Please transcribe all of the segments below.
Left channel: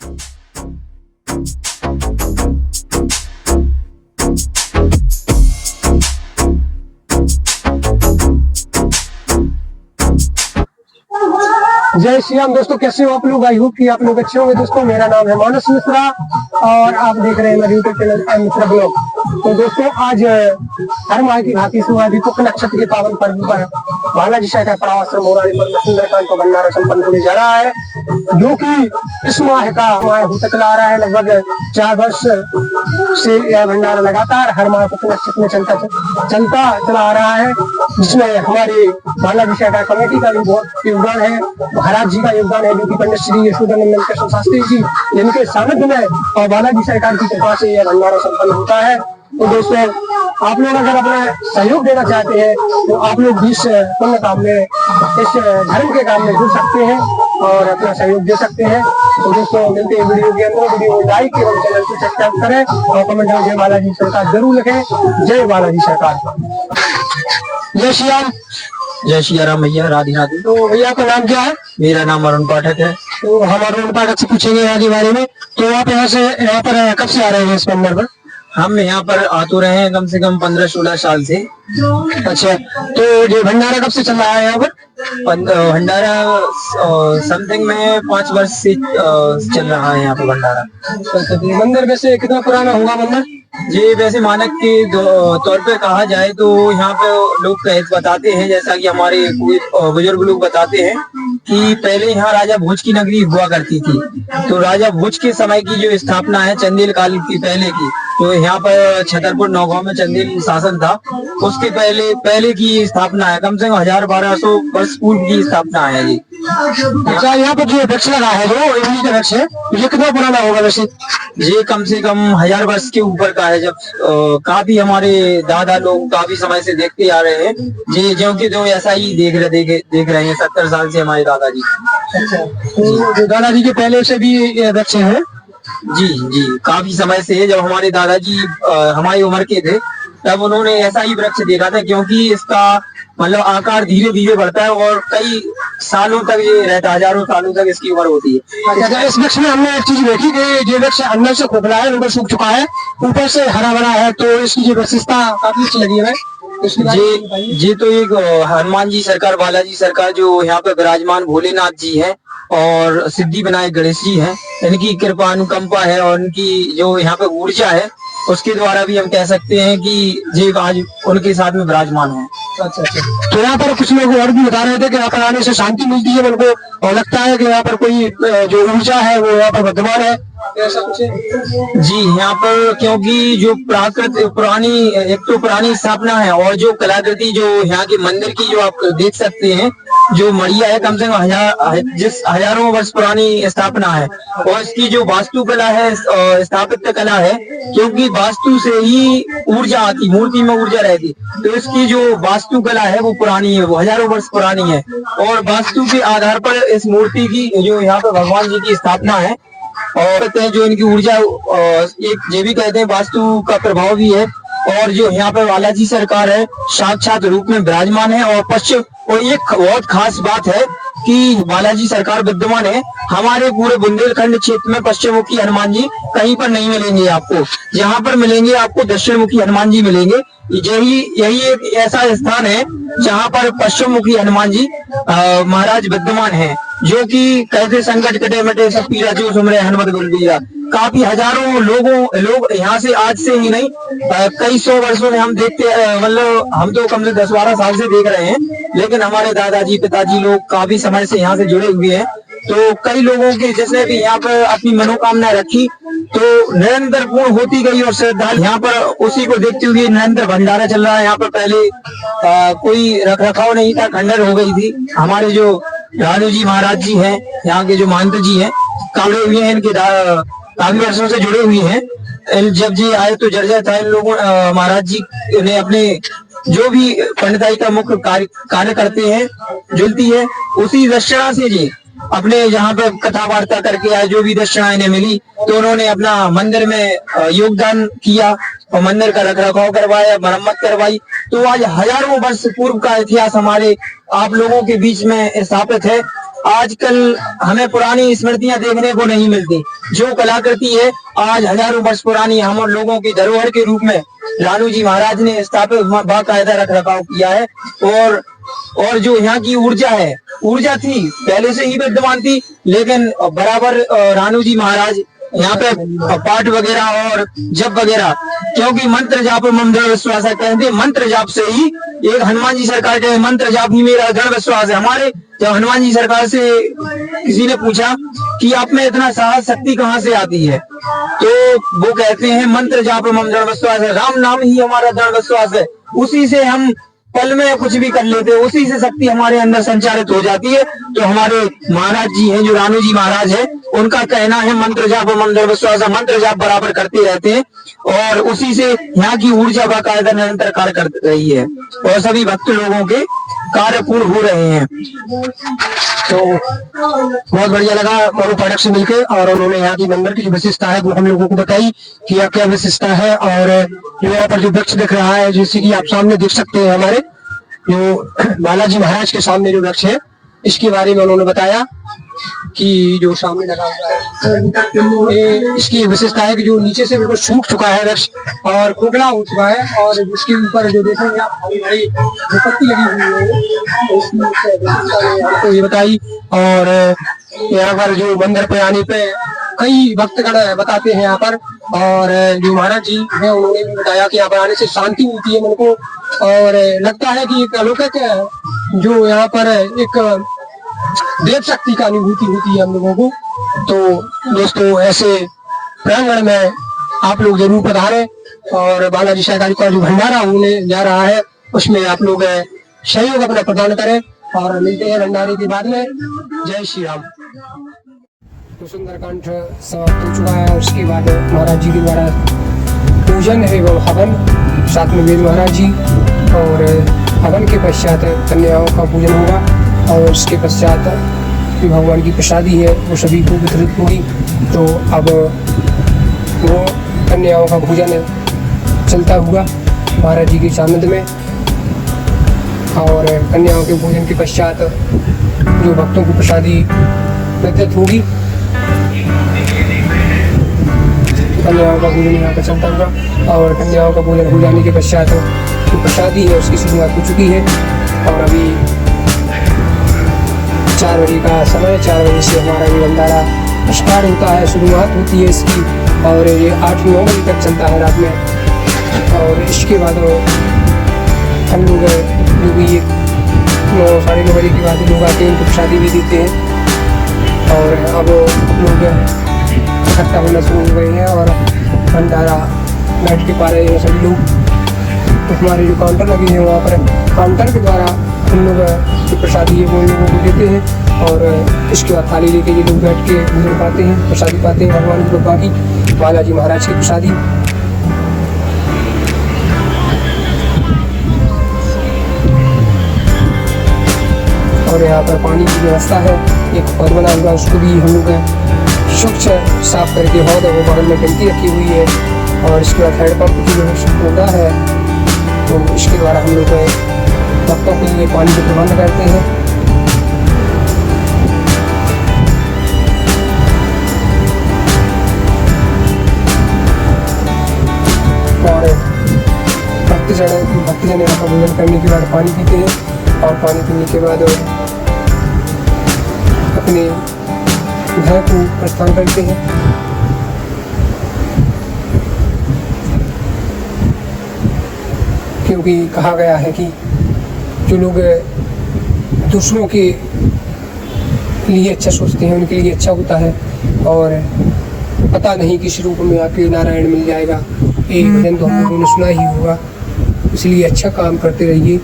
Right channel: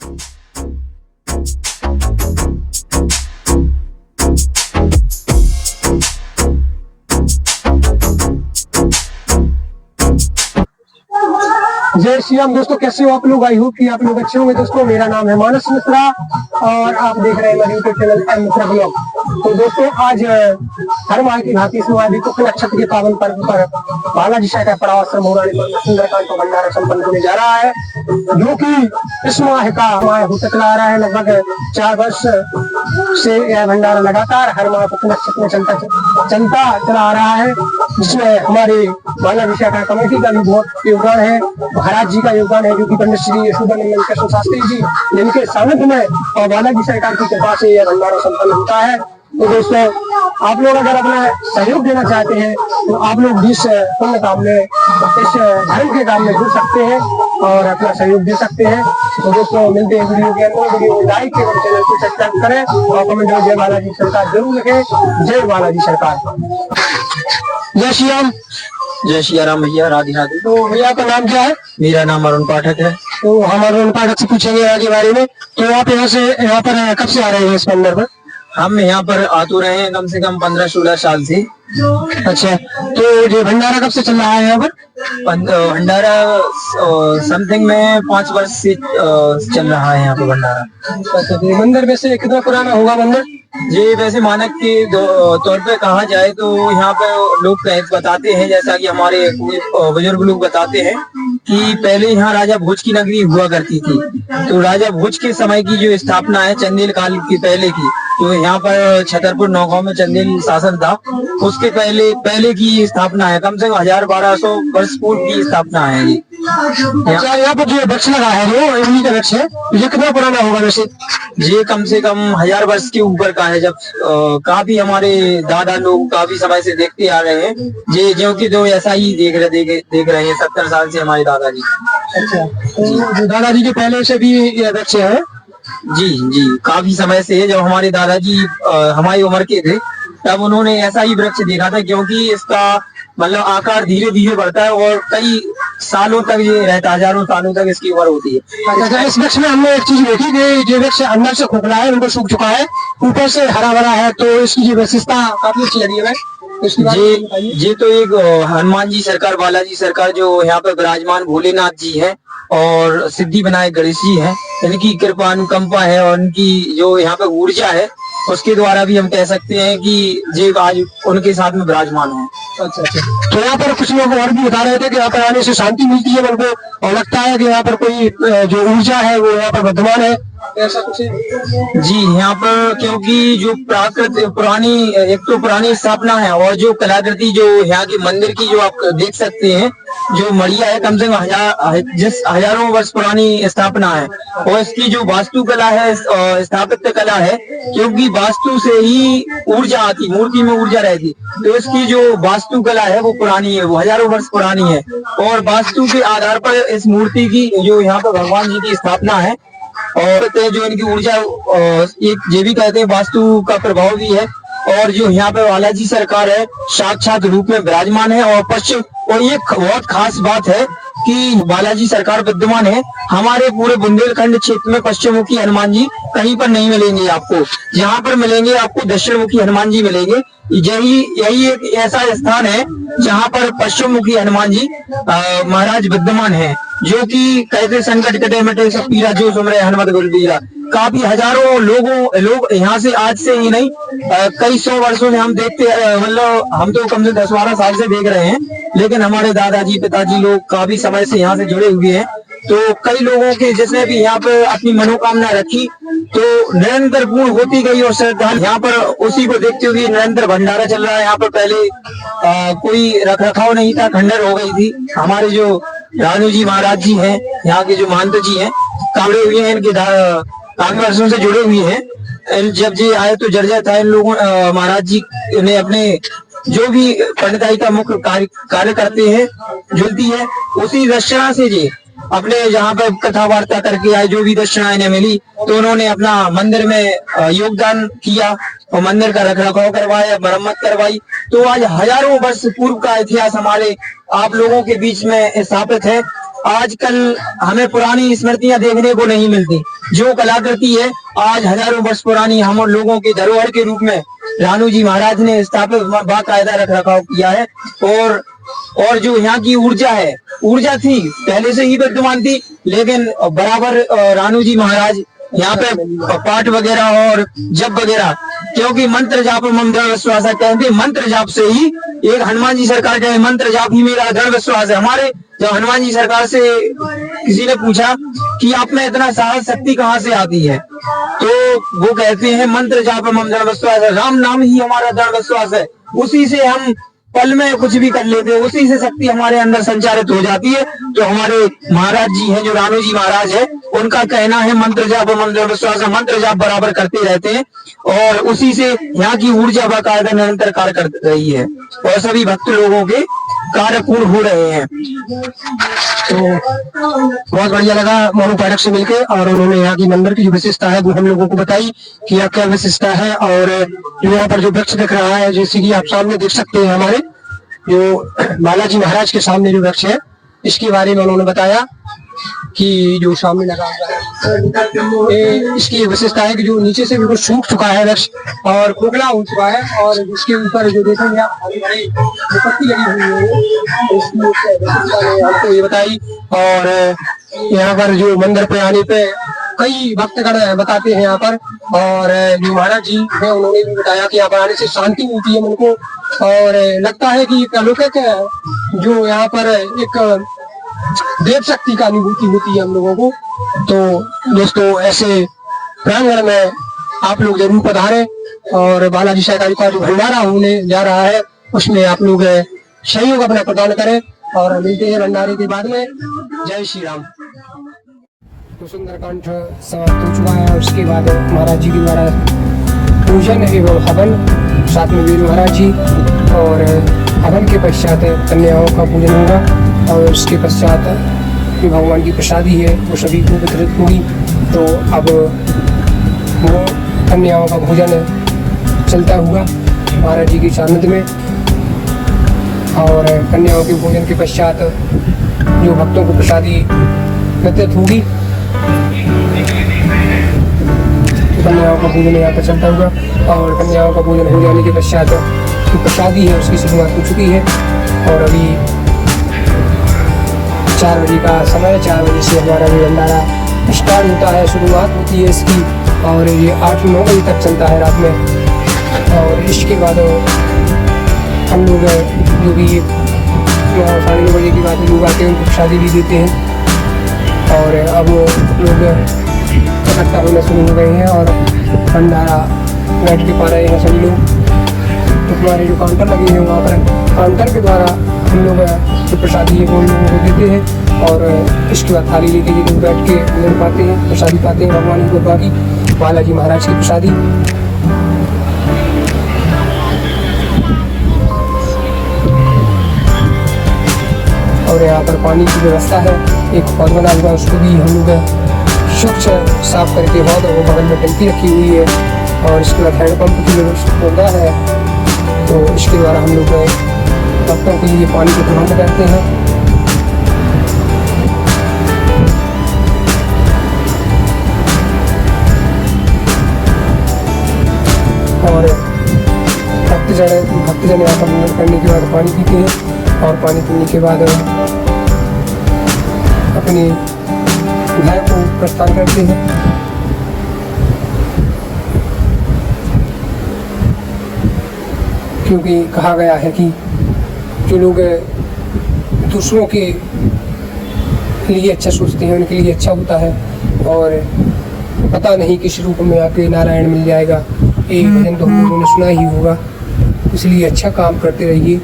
जय श्री राम दोस्तों, कैसे हो आप लोग? आई होप कि आप लोग अच्छे होंगे। दोस्तों, मेरा नाम है मानस मिश्रा और आप देख रहे हैं मेरे YouTube channel M Mishra blog. तो दोस्तों, आज हर माह की भांति से अभी कुछ नक्षत्र के पावन पर्व पर बालाजी शाखा पड़ावाश्रम मोरारी पर सुंदरकांड का भंडारा संपन्न होने जा रहा है, जो कि इस माह का होता चला आ रहा है। लगभग 4 वर्ष से यह भंडारा लगातार हर माह कुछ नक्षत्र में चलता चला आ रहा है, जिसमें हमारे बालाजी शाखा कमेटी का भी बहुत योगदान है, महाराज जी का योगदान है, जो कि पंडित श्री यशोदानंदन कृष्ण शास्त्री जी जिनके सानिध्य में और बालाजी सरकार की कृपा से यह भंडारा संपन्न होता है। तो दोस्तों, आप लोग अगर अपना सहयोग देना चाहते हैं तो आप लोग इस पुण्य काम में, इस धर्म के काम में जुड़ सकते हैं और अपना सहयोग दे सकते हैं। तो दोस्तों, मिलते हैं वीडियो के अंदर। वीडियो को लाइक करें, चैनल को सब्सक्राइब करें और कमेंट में जय बालाजी सरकार जरूर लिखें। जय बालाजी सरकार। जय श्री राम। जय श्री राम भैया, राधे राधे। तो भैया का नाम क्या है? मेरा नाम अरुण पाठक है। तो हम अरुण पाठक से पूछेंगे यहाँ के बारे में। तो आप यहाँ पर कब से आ रहे हैं इस मंदिर पर? हम यहाँ पर आ तो रहे हैं कम से कम 15-16 साल से। अच्छा, तो ये भंडारा कब से चल रहा है यहाँ पर? भंडारा समथिंग में 5 वर्ष से चल रहा है यहाँ पे भंडारा। मंदिर वैसे कितना पुराना होगा मंदिर? जी, वैसे मानक के तौर पे कहा जाए तो यहाँ पे लोग बताते हैं, जैसा कि हमारे बुजुर्ग लोग बताते हैं कि पहले यहाँ राजा भोज की नगरी हुआ करती थी। तो राजा भोज के समय की जो स्थापना है चंदेल काल की पहले की, तो यहाँ पर छतरपुर नौगांव में चंदेल शासन था, उसके पहले की स्थापना है। कम से कम 1000-1200 वर्ष पूर्व की स्थापना है ये। अच्छा, यहाँ पर जो वृक्ष लगा है, जो इमली का वृक्ष है, ये कितना पुराना होगा वैसे? ये कम से कम 1000 वर्ष के ऊपर का है। जब काफी हमारे दादा लोग काफी समय से देखते आ रहे हैं जी, क्योंकि जो ऐसा ही देख रहे हैं 70 साल से हमारे दादाजी। अच्छा, तो दादाजी के पहले से भी ये वृक्ष है? जी जी, काफी समय से है। जब हमारे दादाजी हमारी उम्र के थे तब उन्होंने ऐसा ही वृक्ष देखा था, क्योंकि इसका मतलब आकार धीरे धीरे बढ़ता है और कई सालों तक ये रहता है, हजारों सालों तक इसकी उम्र होती है। अच्छा, इस वृक्ष में हमने एक चीज देखी कि ये वृक्ष अंदर से खोखला है, अंदर सूख चुका है, ऊपर से हरा भरा है, तो इसकी ये विशेषता काफी अच्छी लगी है। जी, तो एक हनुमान जी सरकार, बालाजी सरकार जो यहाँ पे विराजमान भोलेनाथ जी हैं और सिद्धि विनायक गणेश जी हैं, इनकी कृपा अनुकंपा है और उनकी जो यहाँ पे ऊर्जा है उसके द्वारा भी हम कह सकते हैं कि जी आज उनके साथ में विराजमान है। अच्छा, तो यहाँ पर कुछ लोग और भी बता रहे थे कि यहाँ पर आने से शांति मिलती है उनको, और लगता है कि यहाँ पर कोई जो ऊर्जा है वो यहाँ पर विद्यमान है, ऐसा कुछ है? जी, यहाँ पर क्योंकि जो पुरानी स्थापना है और जो कलाकृति जो यहाँ के मंदिर की जो आप देख सकते हैं, जो मड़िया है, कम से कम हजारों वर्ष पुरानी स्थापना है और इसकी जो वास्तुकला है, स्थापत्य कला है, क्योंकि वास्तु से ही ऊर्जा आती, मूर्ति में ऊर्जा रहती, तो इसकी जो वास्तुकला है वो पुरानी है, वो हजारों वर्ष पुरानी है। और वास्तु के आधार पर इस मूर्ति की जो यहाँ पर भगवान जी की स्थापना है और जो इनकी ऊर्जा, ये भी कहते हैं वास्तु का प्रभाव भी है। और जो यहाँ पे बालाजी सरकार है साक्षात रूप में विराजमान है और पश्चिम, और ये बहुत खास बात है कि बालाजी सरकार विद्यमान है। हमारे पूरे बुंदेलखंड क्षेत्र में पश्चिम मुखी हनुमान जी कहीं पर नहीं मिलेंगे आपको, यहाँ पर मिलेंगे आपको दक्षिण मुखी हनुमान जी मिलेंगे। यही एक ऐसा स्थान है जहाँ पर पश्चिम मुखी हनुमान जी महाराज विद्यमान है, जो कि कहते संकट कटे मिटे सब पीरा जो सुमरे हनुमत बलबीरा। काफी हजारों लोग यहाँ से, आज से ही नहीं कई 100 वर्षों से हम देखते, मतलब हम तो कम से 10-12 साल से देख रहे हैं, लेकिन हमारे दादाजी पिताजी लोग काफी समय से यहाँ से जुड़े हुए हैं। तो कई लोगों की जिसने भी यहाँ पर अपनी मनोकामना रखी तो निरंतर पूर्ण होती गई और श्रद्धालु यहाँ पर उसी को देखते हुए निरंतर भंडारा चल रहा है। यहाँ पर पहले कोई रख रखाव नहीं था, खंडर हो गई थी। हमारे जो रानू जी महाराज जी हैं, यहाँ के जो महंत जी हैं, काफी हुए हैं, इनके काफी वर्षों से जुड़े हुए हैं। जब जी आए तो जर्जर था इन लोगों, महाराज जी ने अपने जो भी पंडिताई का मुख्य कार्य करते हैं, जुलती है, उसी दक्षिणा से जी अपने यहाँ पे कथा वार्ता करके आए, जो भी दक्षिणा इन्हें मिली तो उन्होंने अपना मंदिर में योगदान किया और मंदिर का रख रखाव करवाया, मरम्मत करवाई। तो आज हजारों वर्ष पूर्व का इतिहास हमारे आप लोगों के बीच में स्थापित है। आजकल हमें पुरानी स्मृतियां देखने को नहीं मिलती, जो कलाकृति है आज हजारों वर्ष पुरानी हम लोगों के धरोहर के रूप में रानू जी महाराज ने स्थापित बाकायदा रख रखाव किया है। और जो यहाँ की ऊर्जा थी पहले से ही विद्यमान थी, लेकिन बराबर रानू जी महाराज यहाँ पे पाठ वगैरह और जप वगैरह, क्योंकि मंत्र जाप मम दृढ़ विश्वास है, कहते मंत्र जाप से ही एक हनुमान जी सरकार कहते मंत्र जाप ही मेरा दृढ़ विश्वास है। हमारे जब हनुमान जी सरकार से किसी ने पूछा कि आप में इतना साहस शक्ति कहाँ से आती है, तो वो कहते हैं मंत्र जाप मम दृढ़ विश्वास है, राम नाम ही हमारा दृढ़ विश्वास है, उसी से हम पल में कुछ भी कर लेते हैं, उसी से शक्ति हमारे अंदर संचारित हो जाती है। तो हमारे महाराज जी हैं जो रानू जी महाराज है, उनका कहना है मंत्र जाप मम दृढ़ विश्वास है, मंत्र जाप बराबर करते रहते हैं और उसी से यहाँ की ऊर्जा बाकायदा निरंतर कार्य कर रही है और सभी भक्त लोगों के कार्य पूर्ण हो रहे हैं। तो बहुत बढ़िया लगा मोनू पाठक से मिलकर, और उन्होंने यहाँ की मंदिर की जो विशेषता है वो हम लोगों को बताई कि यहाँ क्या विशेषता है। और जो यहाँ पर जो वृक्ष दिख रहा है, जैसे कि आप सामने देख सकते हैं, हमारे जो बालाजी महाराज के सामने जो वृक्ष है, इसके बारे में उन्होंने बताया कि जो सामने लगा हुआ है इसकी एक विशेषता है कि जो नीचे से बिल्कुल सूख चुका है वृक्ष और खोखला हो चुका है, और उसके ऊपर जो देखेंगे आप हरी हरी पत्ती लगी हुई है, तो इसकी विशेषता ने हमको ये बताई। और यहाँ पर जो मंदिर पे आने पे कई भक्तगण बताते हैं यहाँ पर, और जो महाराज जी हैं उन्होंने भी बताया कि यहाँ पर आने से शांति मिलती है मन को, और लगता है कि एक अलौकिक जो यहाँ पर एक देव शक्ति का अनुभूति होती है हम लोगों को। तो दोस्तों ऐसे प्रांगण में आप लोग जरूर पधारें, और बालाजी सहकारी का जो भंडारा होने जा रहा है उसमें आप लोग सहयोग अपना प्रदान करें, और मिलते हैं भंडारे के बाद में। जय श्री राम। तो सुंदरकांड समाप्त हो चुका है, और उसके बाद महाराज जी के द्वारा पूजन एवं हवन, साथ में वीर महाराज जी, और हवन के पश्चात कन्याओं का पूजन होगा, और उसके पश्चात भगवान की प्रसादी है वो सभी को वितरित होगी। तो अब वो कन्याओं का भोजन चलता हुआ महाराज जी की सानिध्य में, और कन्याओं के भोजन के पश्चात जो भक्तों को प्रसादी वितरित होगी, कन्याओं का भोजन यहाँ पर चलता हुआ, और कन्याओं का भोजन हो जाने के पश्चात जो प्रसादी है उसकी शुरुआत हो चुकी है। और अभी 4 बजे का समय, 4 बजे से हमारा ये भंडारा स्टार्ट होता है, शुरुआत होती है इसकी, और ये 8-9 बजे तक चलता है रात में। और इसके बाद हम लोग जो भी 9-9:30 बजे के बाद लोग आते हैं उनको प्रसादी भी देते हैं, और अब लोग इकट्ठा होने शुरू हो गए हैं और भंडारा बैठ के पा रहे हैं सभी लोग। तो हमारे जो काउंटर लगे हैं वहाँ पर काउंटर के द्वारा हम लोग जो प्रसादी है वो लोगों को देते हैं, और इसके बाद थाली लेके ये लोग बैठ के भोजन पाते हैं, प्रसादी पाते हैं भगवान की कृपा की, बालाजी महाराज की प्रसादी। और यहाँ पर पानी की व्यवस्था है, एक पौध बना हुआ, उसको भी हम लोग स्वच्छ साफ करके बहुत वो बगल में टंकी रखी हुई है, और इसके बाद हैंडपम्प की व्यवस्था है। तो इसके द्वारा हम लोग भक्तों के लिए पानी के प्रबंध करते हैं। और भक्तजन यहाँ पर भोजन करने के बाद पानी पीते हैं, और पानी पीने के बाद अपने घर को प्रस्थान करते हैं। क्योंकि कहा गया है कि जो लोग दूसरों के लिए अच्छा सोचते हैं उनके लिए अच्छा होता है, और पता नहीं किस रूप में आके नारायण मिल जाएगा, ये भजन तो हम लोगों ने सुना ही होगा। इसलिए अच्छा काम करते रहिए,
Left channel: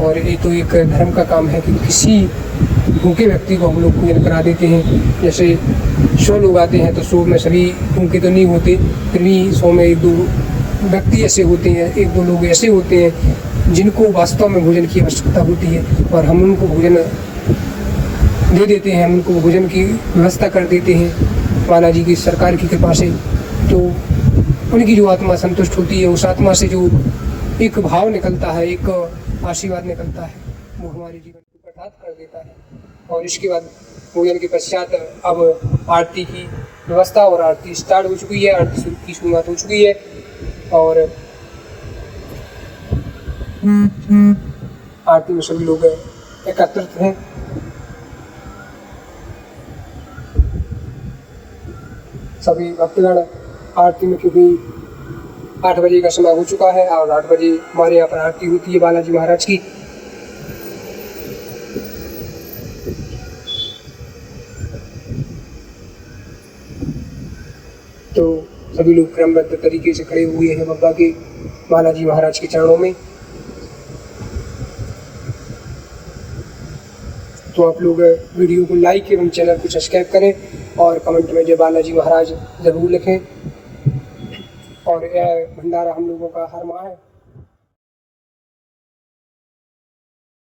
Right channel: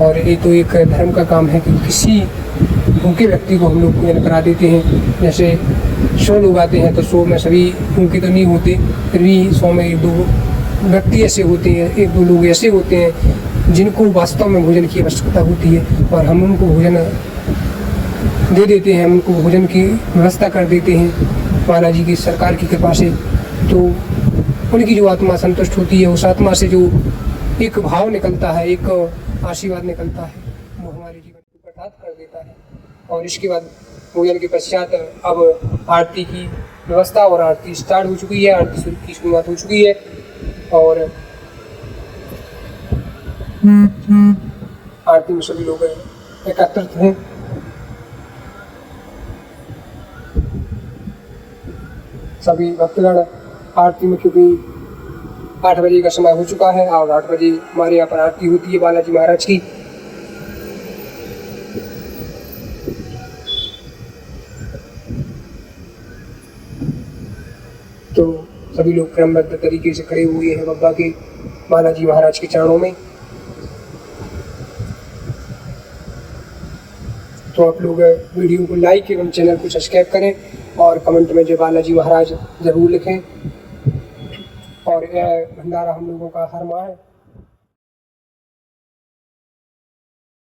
और ये तो एक धर्म का काम है कि किसी भूखे व्यक्ति को हम लोग भोजन करा देते हैं। जैसे 100 लोग आते हैं तो 100 में सभी भूखे तो नहीं होते, फिर भी 100 में 1-2 व्यक्ति ऐसे होते हैं, 1-2 लोग ऐसे होते हैं जिनको वास्तव में भोजन की आवश्यकता होती है, और हम उनको भोजन दे देते हैं, उनको भोजन की व्यवस्था कर देते हैं बालाजी की सरकार की कृपा से। तो उनकी जो आत्मा संतुष्ट होती है, उस आत्मा से जो एक भाव निकलता है, एक आशीर्वाद निकलता है, वो हमारे जीवन को प्रसाद कर देता है। और इसके बाद पूजन के पश्चात अब आरती की व्यवस्था और आरती स्टार्ट हो चुकी है, आरती की शुरुआत हो चुकी है और आरती में सभी लोग एकत्रित हैं। सभी भक्तगण आरती में, क्योंकि 8 बजे का समय हो चुका है और 8 बजे हमारे यहाँ पर आरती होती है बालाजी महाराज की। तो सभी लोग क्रमबद्ध तरीके से खड़े हुए हैं बाबा के बालाजी महाराज के चरणों में। तो आप लोग वीडियो को लाइक एवं चैनल को सब्सक्राइब करें और कमेंट में जय बालाजी महाराज जरूर लिखें। और यह भंडारा हम लोगों का हर माह है।